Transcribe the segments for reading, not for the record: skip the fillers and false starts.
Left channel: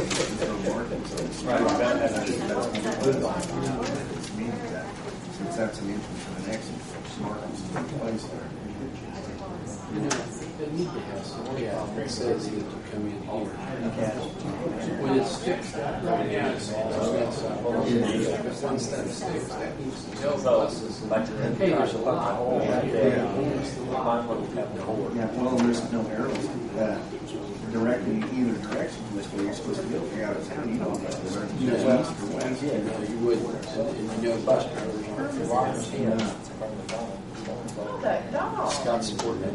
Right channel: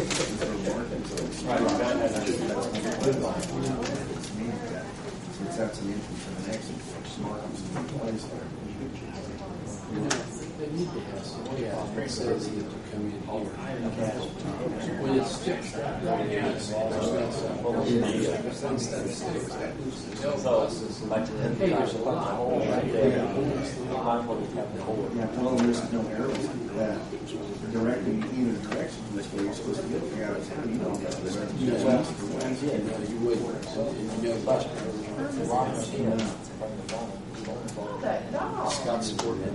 Since that's an entrance and an exit, markings in place there. They need to have some that says that you come in here. When it sticks that way, once that sticks, that needs to tell buses, hey, there's a lot. Yeah, well, there's no arrows that directing either direction from this way you're supposed to go. If you're out of town, you don't know whether it's east or west. Yeah, no, you wouldn't. And you know bus drivers aren't Scott's supporting it.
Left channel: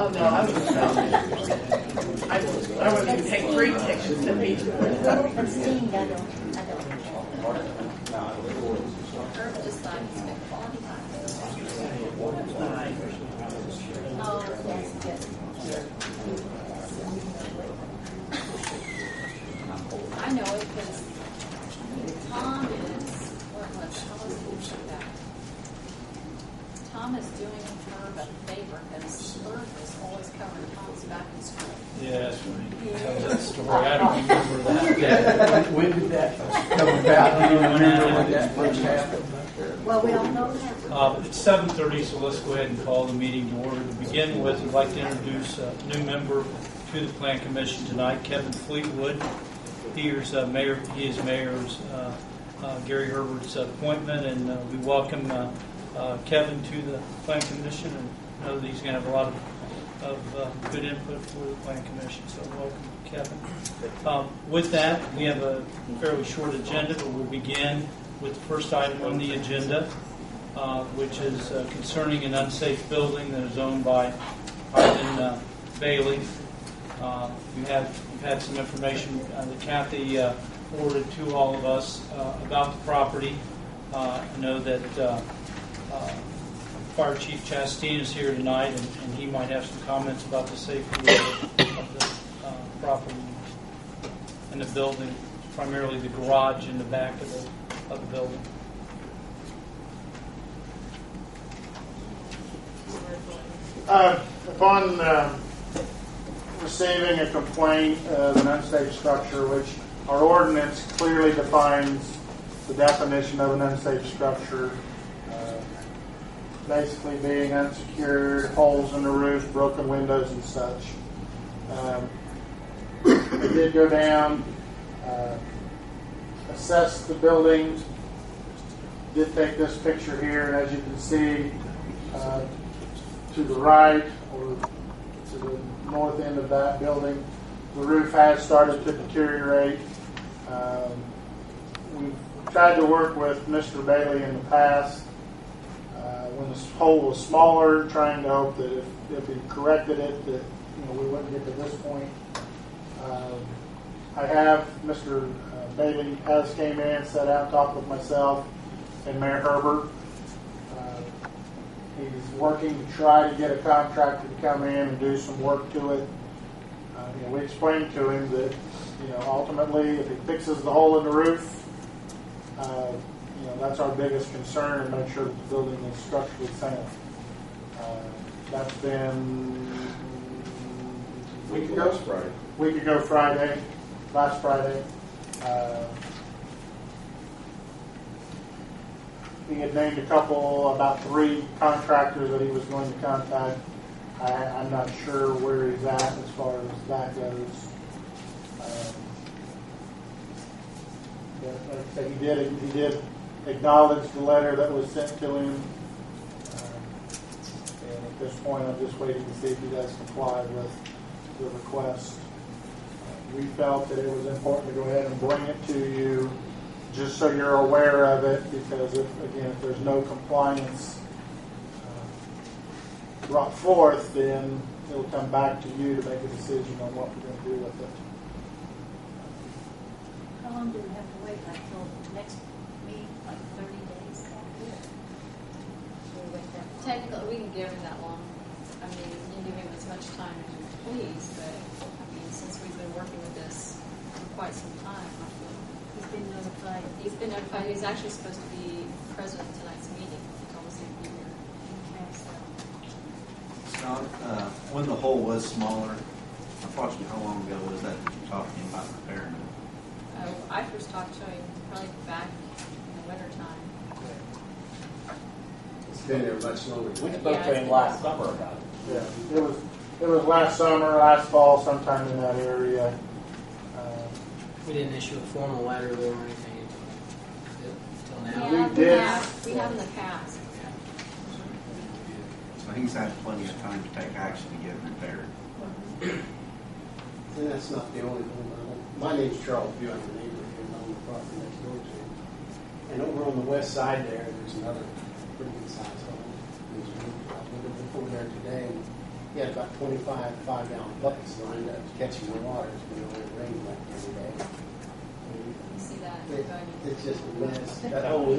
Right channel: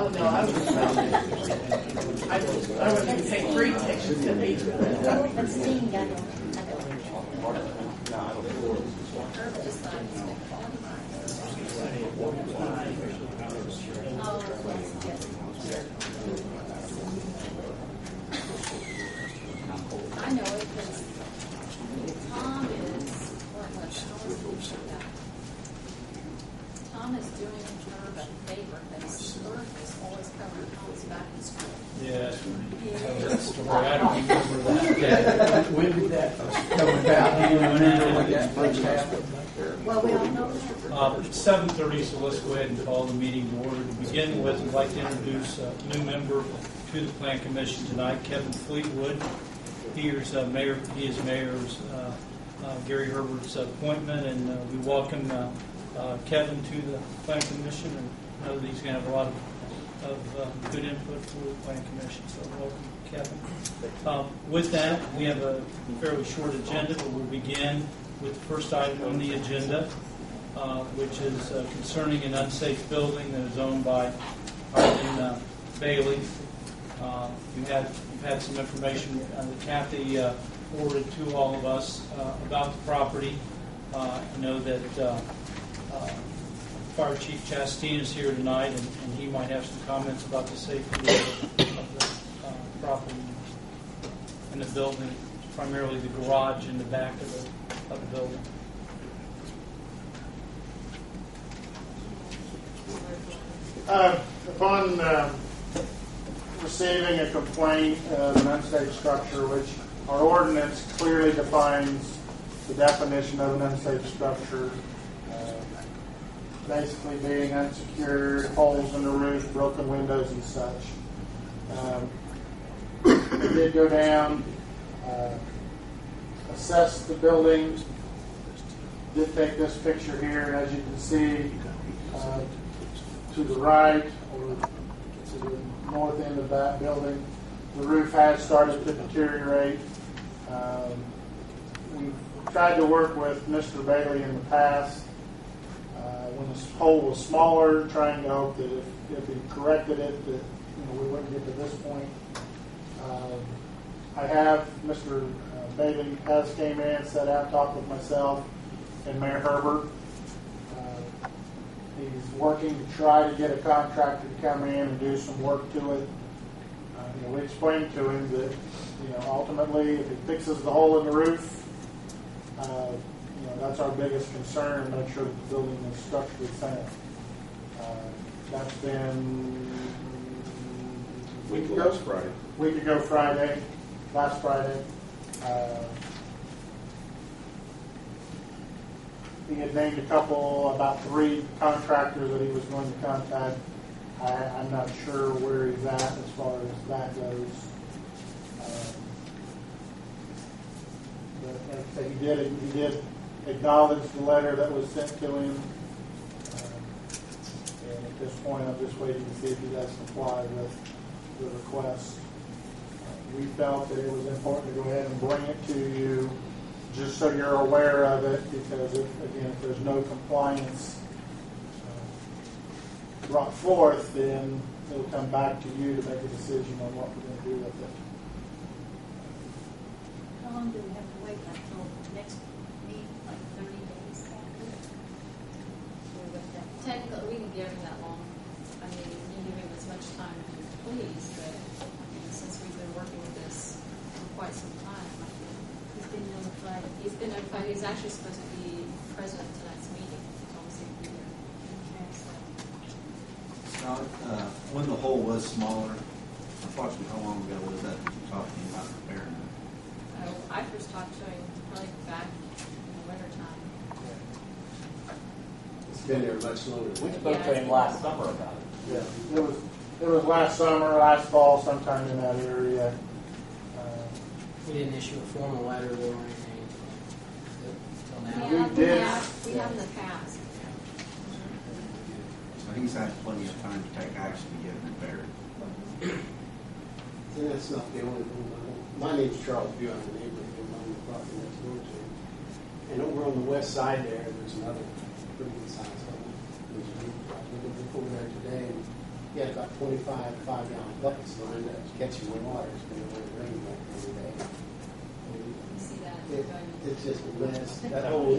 Oh no, I was going to take 3 pictures of each one. I know it because Tom is doing her a favor because Earth is always covering Tom's back and school. Yeah, that's right. That story. I don't remember that. When did that come about? Do you remember when that first happened? Well, we all know that. It's 7:30, so let's go ahead and call the meeting to order. To begin with, I'd like to introduce a new member to the Plan Commission tonight, Kevin Fleetwood. He is Mayor's Gary Herbert's appointment, and we welcome Kevin to the Plan Commission, and know that he's going to have a lot of good input for the Plan Commission. So welcome, Kevin. With that, we have a fairly short agenda, but we'll begin with the first item on the agenda, which is concerning an unsafe building that is owned by Harlan Bailey. We've had some information that Kathy forwarded to all of us about the property. I know that Fire Chief Chastain is here tonight, and he might have some comments about the safety of the property and the building, primarily the garage in the back of the building. Upon receiving a complaint of an unsafe structure, which our ordinance clearly defines the definition of an unsafe structure, basically being unsecured, holes in the roof, broken windows, and such. We did go down, assess the building, did take this picture here, and as you can see, to the right, or to the north end of that building, the roof has started to deteriorate. We've tried to work with Mr. Bailey in the past when this hole was smaller, trying to hope that if he corrected it, that we wouldn't get to this point. I have Mr. Bailey has came in, sat out, talked with myself and Mayor Herbert. He's working to try to get a contractor to come in and do some work to it. We explained to him that, ultimately, if he fixes the hole in the roof, that's our biggest concern, and make sure that the building is structurally sound. That's been last Friday. He had named about 3 contractors that he was going to contact. I'm not sure where he's at as far as that goes. But like I say, he did acknowledge the letter that was sent to him. And at this point, I'm just waiting to see if he does comply with the request. We felt that it was important to go ahead and bring it to you just so you're aware of it, because if there's no compliance brought forth, then it'll come back to you to make a decision on what we're going to do with it. How long do we have to wait? Like till next meeting? Like 30 days? Technically, we can give him that long. I mean, you can give him as much time as you please, but since we've been working with this for quite some time, I feel he's been notified. He's actually supposed to be present at tonight's meeting. He told us he'd be here. Sean, when the hole was smaller, approximately how long ago was that you talked to him about repairing it? I first talked to him probably back in the wintertime. It's been there much longer. We spoke to him last summer about it. Yeah, it was last summer, last fall, sometime in that area. We didn't issue a formal letter though or anything until now. Yeah, we did. we have in the past. So he's had plenty of time to take action to get it repaired. And that's not the only one. My name's Charles Bew. I'm the neighbor here on the property next door to him. And over on the west side there, there's another pretty good sized hole. I was before there today, and he had about 25 5-gallon buckets lined up catching the water. It's been only raining like every day. You see that? It's just a mess. That whole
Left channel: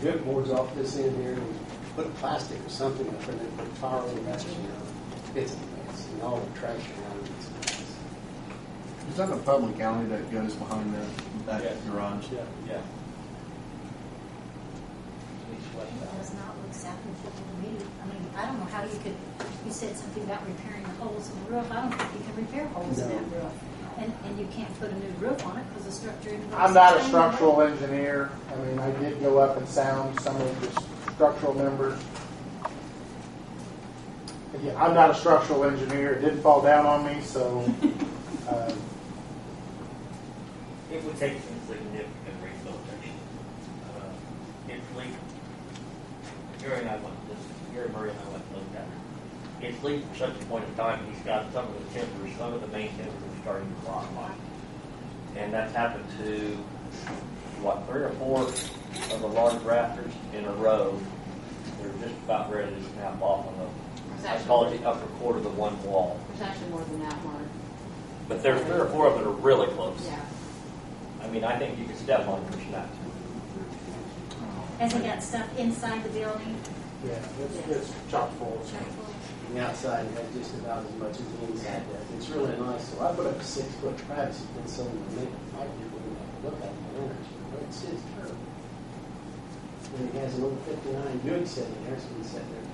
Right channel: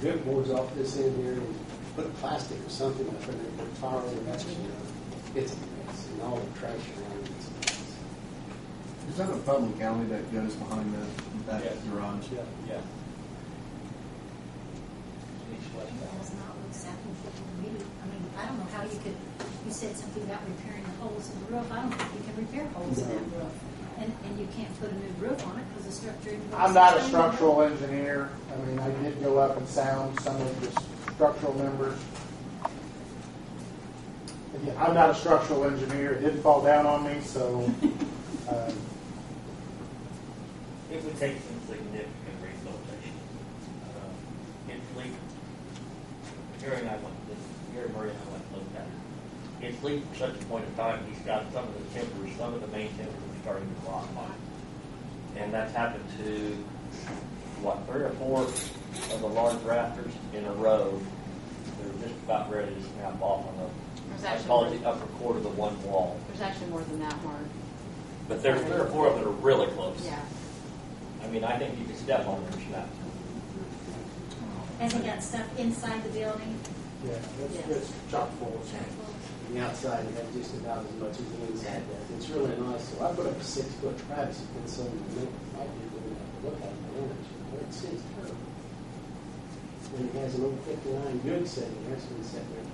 drip boards off this end here, and put plastic or something up in it, put power reduction on it. It's a mess, and all the trash around it. It's a mess. Is that a public alley that goes behind that Yes. garage? Yeah. It does not look satisfactory to me. I mean, I don't know how you could, you said something about repairing the holes in the roof. I don't think you can repair holes in that roof. And you can't put a new roof on it because the structure isn't going to I'm not a sustain structural engineer. I mean, I did go up and sound some of the structural members. Again, I'm not a structural engineer. It didn't fall down on me, so. It would take some significant rehabilitation. It's leaked. Gary and I went, Gary Murray and I went and looked at it. It's leaked to such a point in time, he's got some of the timbers, some of the main timbers are starting to rot on it. And that's happened to, 3 or 4 of the large rafters in a row. They're just about ready to snap off on the, I call it the upper quarter of the one wall. There's actually more than that, Mark. But there's 3 or 4 of them that are really close. Yeah. I mean, I think you could step on them and snap. Has he got stuff inside the building? Yeah, it's chock full. The outside has just about as much as the inside does. It's really nice. So I put up a 6-foot privacy fence so my people wouldn't have to look at the winters. It's his turf. When he has an old 59 Buick sitting there, so he's sitting there.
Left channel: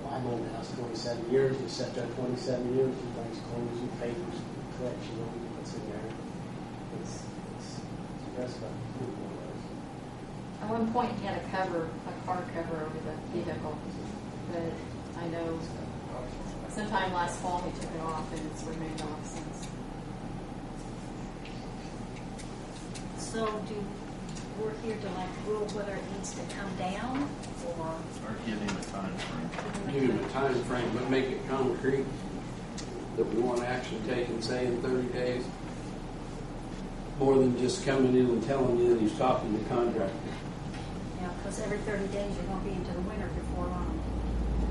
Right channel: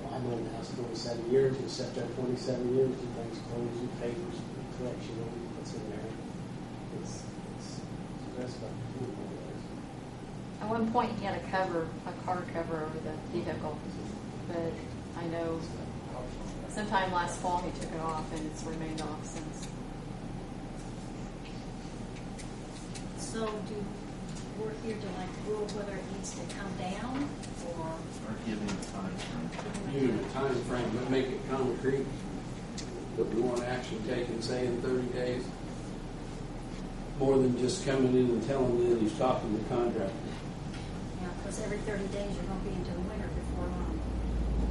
Well, I've owned the house 27 years. He sat there 27 years. He brings clothes and papers and collection of he puts in there. It's the rest of it. At one point, he had a cover, a car cover over the vehicle, but I know sometime last fall he took it off and it's remained off since. So we're here to like rule whether it needs to come down or? Or give him a time frame? Give him a time frame, but make it concrete that we want action taken, say in 30 days. More than just coming in and telling you that he's talking to the contractor. Yeah, because every 30 days you're going to be into the winter before long.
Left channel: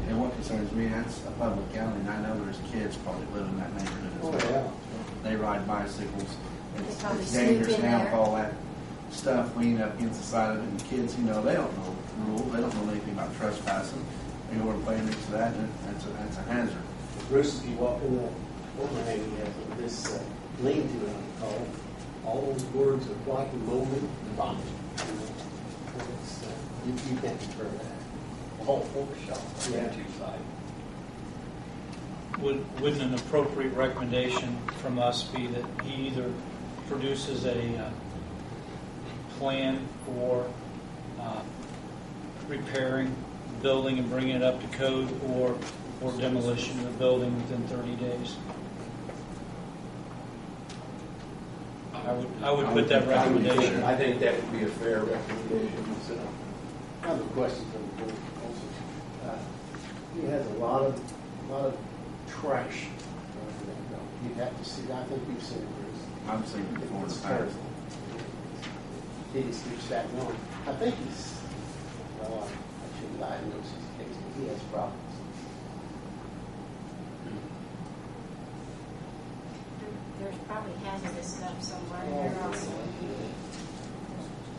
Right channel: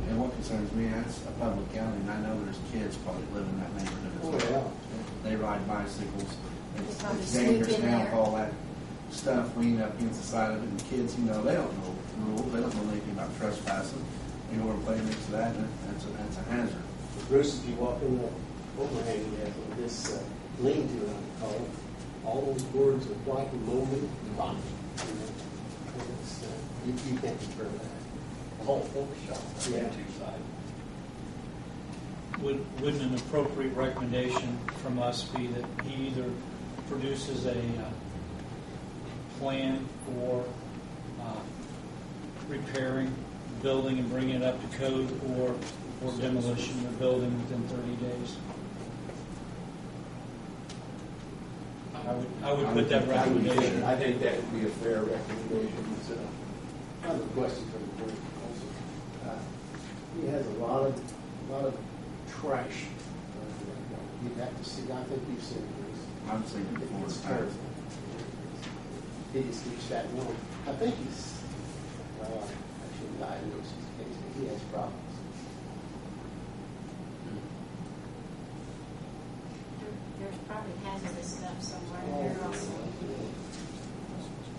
And what concerns me, that's a public alley, and I know there's kids probably live in that neighborhood as well. yeah. They ride bicycles. It's probably dangerous sneak in now there. with all that stuff leaning up against the side of it. And kids, they don't know the rules. They don't know anything about trespassing. They go and play into that, and that's a hazard. Bruce, if you walk in that overhang, he has this lean-to, I would call it. All those boards are white and moldy and gone. You can't deter that. The whole fork shop on the Yeah. two side. Wouldn't an appropriate recommendation from us be that he either produces a plan for repairing the building and bringing it up to code, or demolition of the building within 30 days? I would put that recommendation. I think that would be a fair recommendation. I have a question for the board also. He has a lot of trash. You'd have to see, I think you've seen it, Bruce. I've seen it before. It's terrible. He just keeps stacking on. I think he's, well, I shouldn't lie and know his case, but he has problems. There's probably hazardous stuff somewhere in there also.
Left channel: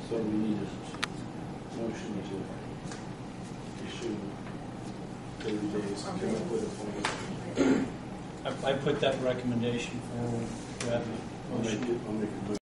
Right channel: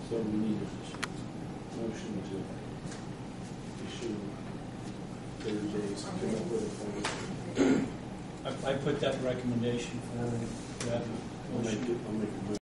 So we need a motion to issue 30 days to come up with a plan. I put that recommendation forward. Do I have a motion? I'll make it.